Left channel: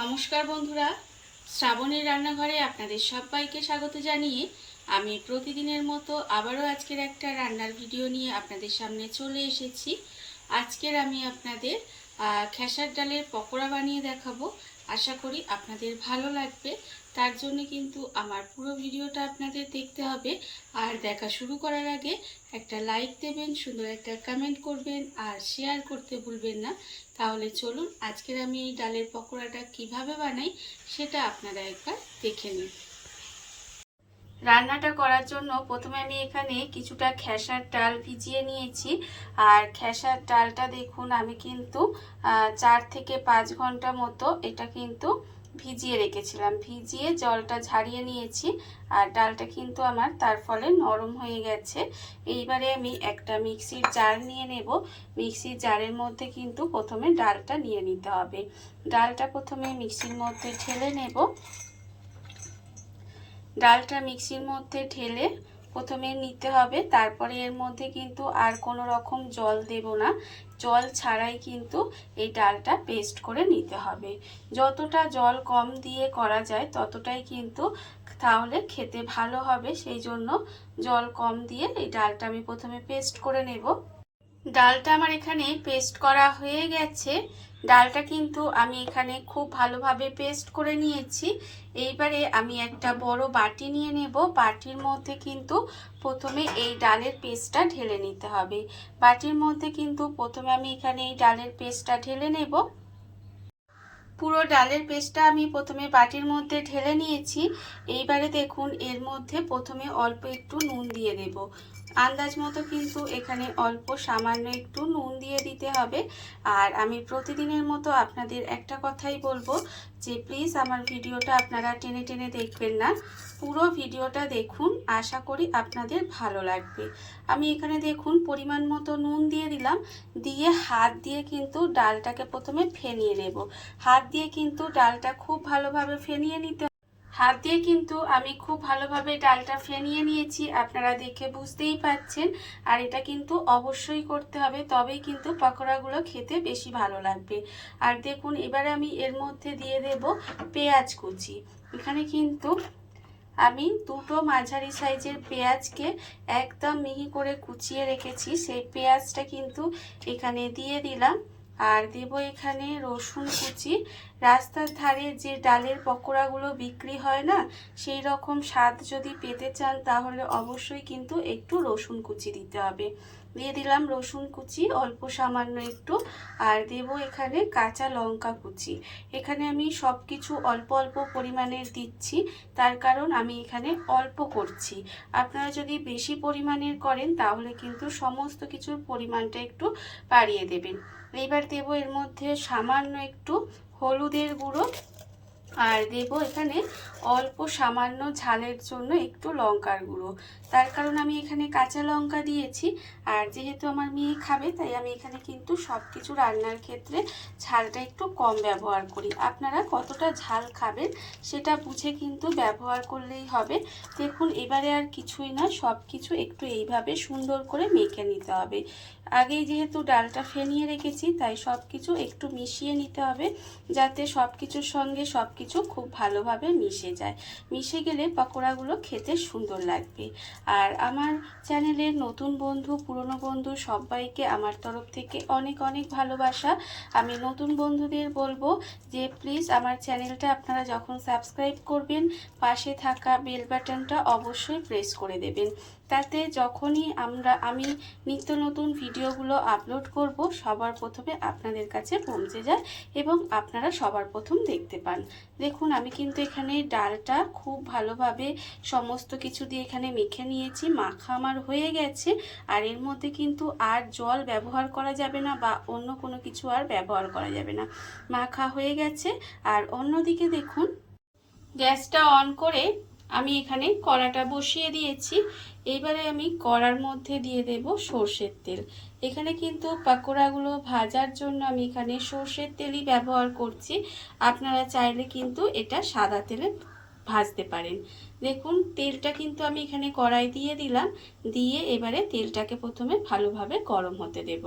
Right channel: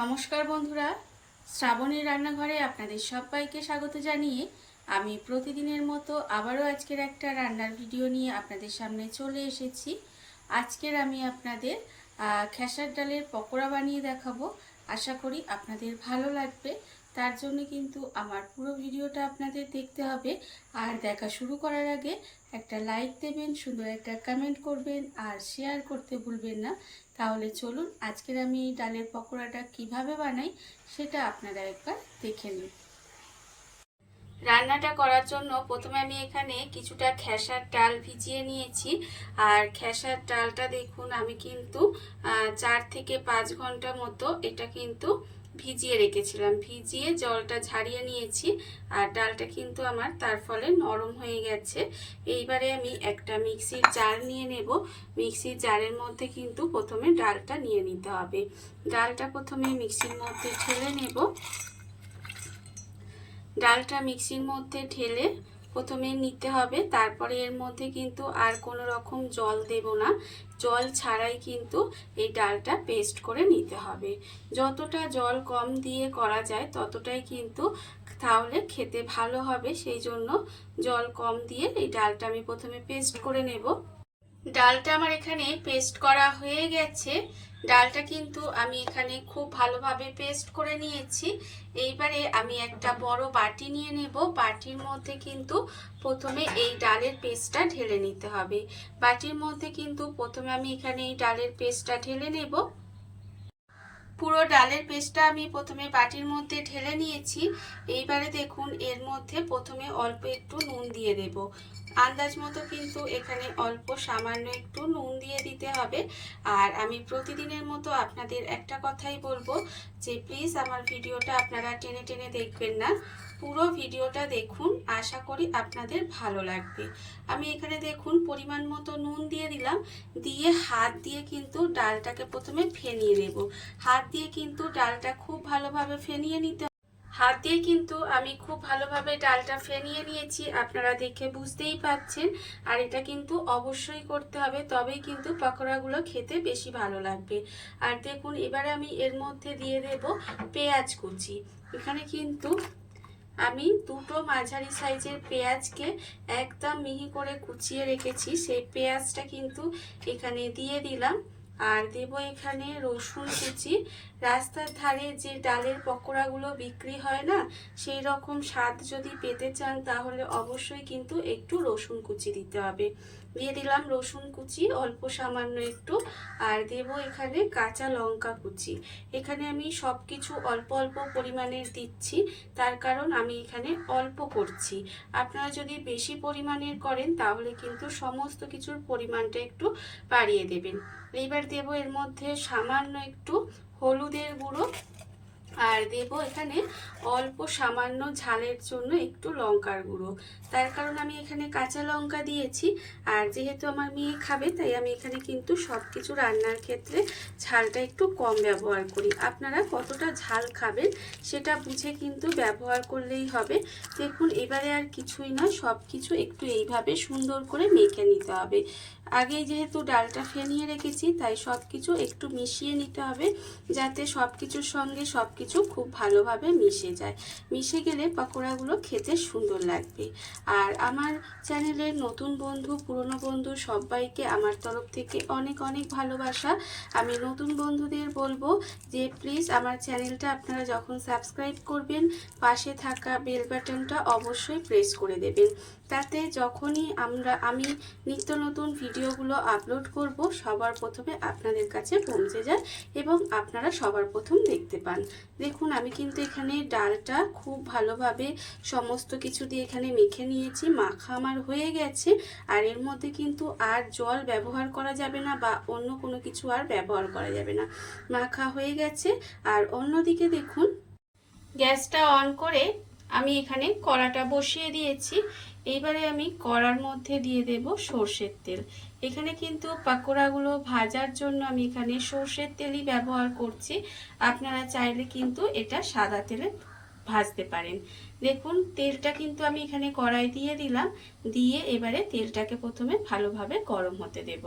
নমস্কার বন্ধুরা, শ্রাবণীর রান্নাঘরে আপনাদের সবাইকে স্বাগত জানিয়ে আমি প্রতিদিনের মতো আবারও আজকের একটা রান্নার ভিডিও নিয়ে আপনাদের সামনে চলে এসেছি। আজকের আমি আপনাদের খেসার ডালের পকোড়া বানিয়ে দেখাবো। আশা করি আপনাদের ভালো লাগবে। তার জন্য কিন্তু আমার পুরো ভিডিওটা আপনাদের দেখতে হবে। আর দেখা শুরু করার আগে একটা লাইক দেবেন, সুন্দর একটা কমেন্ট করবেন আর শেয়ার করতে ভুলবেন না। তাহলে চলুন আজকের আমি এই ডালের পকোড়াটা কিভাবে বানাই সেটা আপনারা একবার দেখে নিন। রান্নাটা করার জন্য প্রথমে আমি এখানে কিছুটা খেসার ডাল ভিজিয়ে নিয়েছি। আর খেসার ডালটা দেখুন আমি কিন্তু 4 থেকে 5 ঘন্টা মতো এটা কিন্তু ভিজিয়ে রেখেছিলাম। ভিজিয়ে জলটা ঝারিয়ে নিয়েছি আর ডালটা কিন্তু আমার তার ফলে নরম হয়ে গেছে। এইবারে আমি একটা মিক্সির জার নিয়ে নেব। মিক্সির জারের মধ্যে কিন্তু প্রথমে ডালটা নিয়ে নিতে হবে। ডালটা প্রথমে মিক্সির মধ্যে ঢেলে নেব। ডালটা মিক্সির মধ্যে ঢেলে প্রথমে নিতে হবে, তারপরে এর মধ্যে কিন্তু আর কোনো রকম জল দেব না। জল ছাড়াই কিন্তু এই ডালটা পেস্ট করে নিতে হবে। যতটা জল কম দিয়ে করা যায় ততটাই কিন্তু তাহলে খেতে ভালো হবে। সেই জন্য জল কম দিয়ে এই ডালটা আমি প্রথমে পেস্ট করে নেব। ডালটা আমার এখানে পেস্ট করা হয়ে গেছে। ডালটা কিন্তু আমি এখানে খুব ভালোভাবে পেস্ট করে নিয়েছি। এইবারে আমি একটা বড় বাটি নিয়ে নেব। বাটির মধ্যে কিন্তু প্রথমে এই ডালের পেস্টটা ঢেলে নিতে হবে। বাটির মধ্যে কিন্তু প্রথমে আমি এখানে এই ডালের পেস্টটা ঢেলে নেব। পুরো ডালের পেস্টটা আমি প্রথমে বাটির মধ্যে ঢেলে নিয়েছি। এইবারে দেখুন এর মধ্যে প্রথমে অল্প একটু নুন দিয়ে দেব। আন্দাজ মতো কিন্তু এখানে অল্প সামান্য একটু নুন দিয়ে দিতে হবে। আর আমি প্রতিদিনের মতো আপনাদের একটা কথাই বলবো যে প্লিজ আমার ভিডিওটা আপনারা টেনে টেনে দেখবেন না, পুরো ভিডিওটা দেখুন। আশা করি আপনাদের ভালো লাগবে। আমি এখানে দেখুন পরিমাণ মতো নুন দিয়ে দিলাম। দিয়ে হাত দিয়ে কিন্তু ডালটাকে প্রথমে ফেনিয়ে নেব। হাত দিয়ে কিন্তু ডালটা খুব ভালোভাবে ফেনিয়ে নিতে। হাত দিয়ে কিন্তু আমি খুব ভালোভাবে ডালটা ফেনিয়ে নিয়েছি, আপনারা দেখে বুঝতেই পাচ্ছেন। আর এটা কিন্তু অবশ্যই করতে হবে, তবেই কিন্তু পকোড়াগুলো খেতে বেশি ভালো লাগবে। আর দেখুন এবারে আমি এর মধ্যে দিয়ে দেব পেঁয়াজ কুচি। এখানে কিন্তু আমি দুটো মাঝারি সাইজের পেঁয়াজকে একদম মিহি করে কুচিয়ে রেখেছি, সেই পেঁয়াজটা কিন্তু এখানে দিয়ে দিলাম। আর দেব এখানে রসুন কুচি। রাস্তার ধারে যে ডালের পকোড়াগুলো বিক্রি হয় না, সেই রকম স্বাদ যদি পেতে চান তাহলে অবশ্যই কিন্তু একটু রসুন কুচি দিতে হবে। দিয়ে দিলাম রসুন কুচি অল্প সামান্য একটু। আর দেব এখানে কাঁচা লঙ্কা কুচি। এখানে আমি সব কিছু অল্প অল্প পরিমাণের দিচ্ছি, তার কারণ আমি এখানে অল্প করছি। আপনারা যদি বেশি পরিমাণের করেন তাহলে কিন্তু সমস্ত কিছুর পরিমাণটা একটু বাড়িয়ে দেবেন। এইবার দেব এর মধ্যে সামান্য একটু হলুদের গুঁড়ো। আর দেব এখানে অল্প সামান্য ঝালের জন্য একটু লঙ্কার গুঁড়ো। তার কারণ আমি এখানে কাঁচা লঙ্কা দিয়েছি। আর যেহেতু আমার মেয়ে খাবে তাই আমি এখানে কিন্তু সব কিছু রান্নার ক্ষেত্রে ঝালটা একটু কম ব্যবহার করি। আপনারা কতটা ঝাল খাবেন সেটা বুঝে কিন্তু ব্যবহার করলেই হবে। দেখুন এবারে আর কিছুই না, সব কিছু একটু এইভাবে সুন্দর করে মেখে নিতে হবে। আগেই যেহেতু ডালটা ফেনিয়ে রেখেছি তাই সব কিছু একটু মিশিয়ে নিতে হবে, যাতে সব কিছুর সঙ্গে সব কিছু খুব ভালোভাবে মিশে যায়। মিশে গেলে পকোড়াগুলো খেতে সুন্দর লাগবে। আর আমার চ্যানেলের নতুন বন্ধু পুরনো বন্ধু সবাইকে আমার তরফ থেকে অনেক অনেক ভালোবাসা। আমি নতুন বন্ধুদের বলবো যে প্লিজ আমার চ্যানেলটা আপনারা যখন সাবস্ক্রাইব করবেন পাশে থাকা বেল বাটনটা অবশ্যই প্রেস করে দেবেন। তাতে যখনই আমি নিত্য নতুন ভিডিওগুলো আপলোড করব সবার প্রথমে আপনাদের কাছে পৌঁছে যায় এবং আপনারা সবার প্রথম দেখতে পান। দেখুন আমি কিন্তু এখানে ডালটা খুব ভালোভাবে সমস্ত কিছু দিয়ে এখানে মেখে নিয়েছি। মাখা আমার হয়ে গেছে। আর এর মধ্যে কিন্তু আর জল ব্যবহার করা যাবে না বা অন্য কোনো কিছু আর ব্যবহার করা যাবে না। মাখা হয়ে গেছে। আর অন্যদিকে দেখুন গ্যাসটা অন করে আমি এখানে কড়াটা বসিয়ে দিয়েছি। এইবারে আমি কড়ার মধ্যে দিয়ে দেব সর্ষের তেল। এখানে কিন্তু পকোড়াগুলো ভাজার জন্য আমি এখানে সর্ষের তেলই ব্যবহার করছি। আপনারা চাইলে কিন্তু এটা সাদা তেলে ভাজতে পারেন। দেখুন তেলটা কিন্তু আমি এখানে কড়াই দিয়ে দিলাম। দিয়ে এবারে তেলটাকে প্রথমে ভালোভাবে গরম হতে দেব।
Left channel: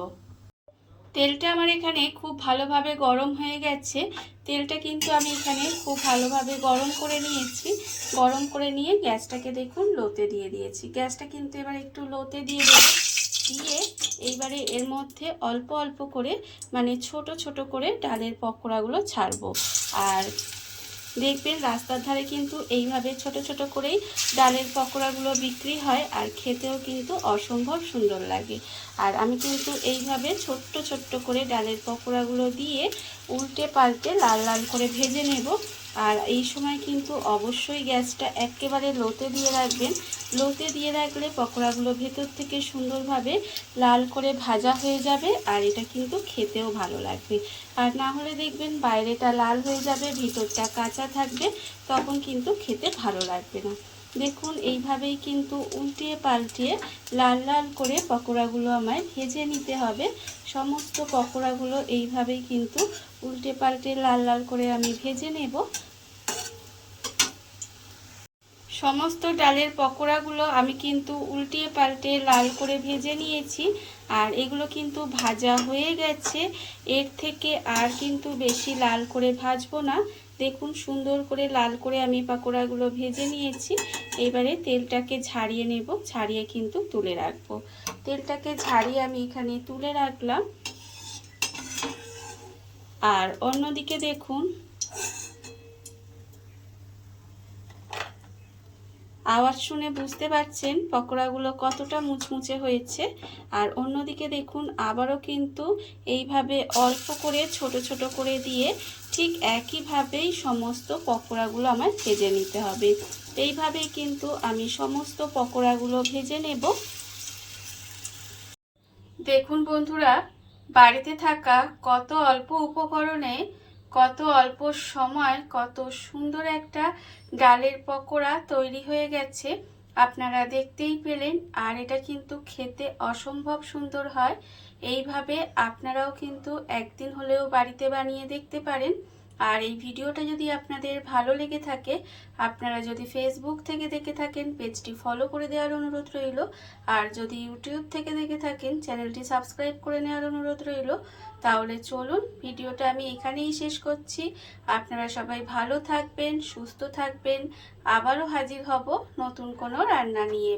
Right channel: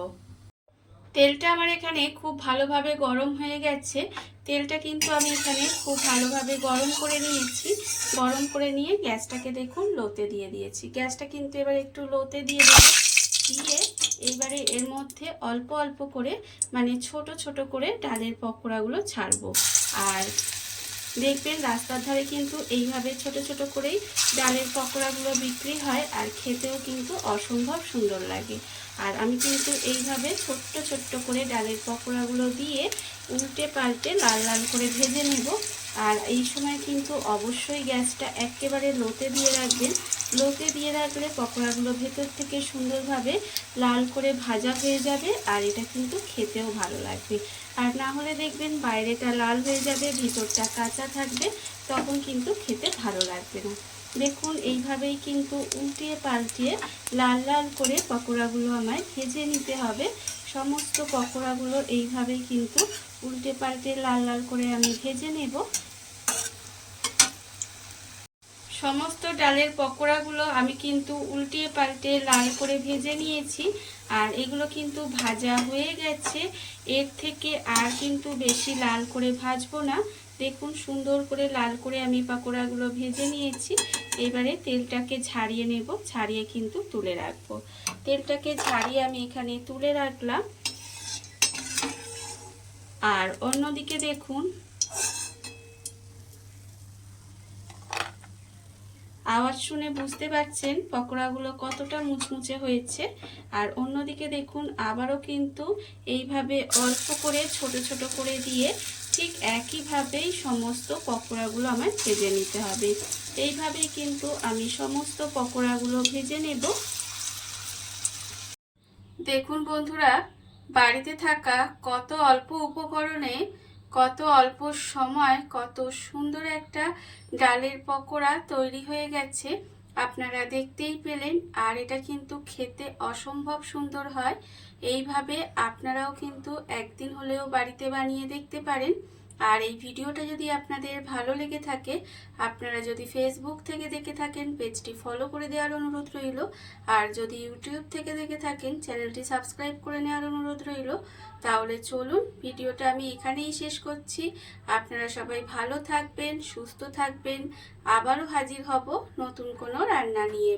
তেলটা আমার এখানে খুব ভালোভাবে গরম হয়ে গেছে। তেলটা কিন্তু আমি এখানে খুব ভালোভাবে গরম করে নিয়েছি। গরম করে নিয়ে গ্যাসটাকে দেখুন লোতে দিয়ে দিয়েছি। গ্যাসটা কিন্তু এবার একটু লোতে দিয়ে দেবো। দিয়ে এইবারে এর মধ্যে অল্প অল্প করে মানে ছোট ছোট করে ডালের পকোড়াগুলো ছাড়বো। আর দেখবেন রাস্তার ধারে কিন্তু এইভাবে ছোট ছোট করেই ডালের পকোড়াগুলো বিক্রি হয়, আর খেতেও কিন্তু অসম্ভব সুন্দর লাগে। আর আমি কিন্তু এইভাবে ছোট্ট ছোট্ট করে ডালের পকোড়াগুলো দিয়ে উল্টে পাল্টে লাল লাল করে ভেজে নেব। আর এই সময় কিন্তু অবশ্যই গ্যাসটা একেবারে লোতে দিয়ে রাখবেন। লোতে দিয়ে রাখলে পকোড়াগুলো ভেতর থেকে সুন্দরভাবে লাল করে ভাজা হয়ে যাবে, আর এটা কিন্তু খেতেও ভালো লাগবে। আর না হলে দেখবেন বাইরেটা লাল হয়ে যাবে, ভিতরটা কাঁচা থাকবে, তখন কিন্তু খেতে ভালো লাগবে না। দেখুন এইভাবেই কিন্তু উল্টিয়ে পাল্টিয়ে লাল লাল করে পকোড়াগুলো আমায় ভেজে নিতে হবে। সমস্ত পকোড়াগুলো এইভাবেই কিন্তু উল্টে পাল্টে লাল লাল করে আমি ভেজে নেব। সমস্ত ডালের পকোড়াগুলো আমি কিন্তু উল্টিয়ে পাল্টে লাল করে ভেজে নিয়েছি, আর এগুলো কিন্তু ভাজা হয়ে গেছে। এর থেকে আর কিন্তু বেশি লাল করে ভাজবো না। দেখুন সুন্দর করে লাল করে আমি পকোড়াগুলো ভেজে নিয়েছি। এবারে তেলটাকে ঝাড়িয়ে নেব, ছাড়িয়ে কিন্তু তুলে রাখবো। তেলটাকে ঝাড়িয়ে আমি এখানে তুলে রাখলাম। আর অন্যদিকে দেখুন আওয়াজ শুনে বুঝতে পারছেন পকোড়াগুলো কতটা মুচমুচে হয়েছে। আর অন্যদিকে দেখুন আবারও কিন্তু এইভাবে অল্প করে ছোট ছোট করে দিয়ে ঠিক একইভাবেই সমস্ত পকোড়াগুলো আমার ভেজে নিতে হবে। এইভাবেই কিন্তু আমি সমস্ত পকোড়াগুলো ভেজে নেব। দেখুন বন্ধুরা, বাড়িতে থাকা কত অল্প উপকরণে কত অল্প সময় কত সুন্দর একটা ডালের পকোড়া তৈরি হয়ে গেছে, আপনারা দেখতেই পেলেন। আর এটা কিন্তু খেতে অসম্ভব সুন্দর হয়। এইভাবে আপনারাও কিন্তু একদিন হলেও বাড়িতে বানিয়ে দেখতে পারেন। আর এই ভিডিওটা যদি আপনাদের ভালো লেগে থাকে, আপনারা যদি ফেসবুক থেকে দেখে থাকেন পেজটি ফলো করে দেওয়ার অনুরোধ রইল। আর যদি ইউটিউব থেকে দেখে থাকেন চ্যানেলটি সাবস্ক্রাইব করে নেওয়ার অনুরোধ রইল। তাহলে চলুন ভিডিওটা আমি এখানেই শেষ করছি। আপনারা সবাই ভালো থাকবেন, সুস্থ থাকবেন। আবারও হাজির হব নতুন কোনো রান্না নিয়ে।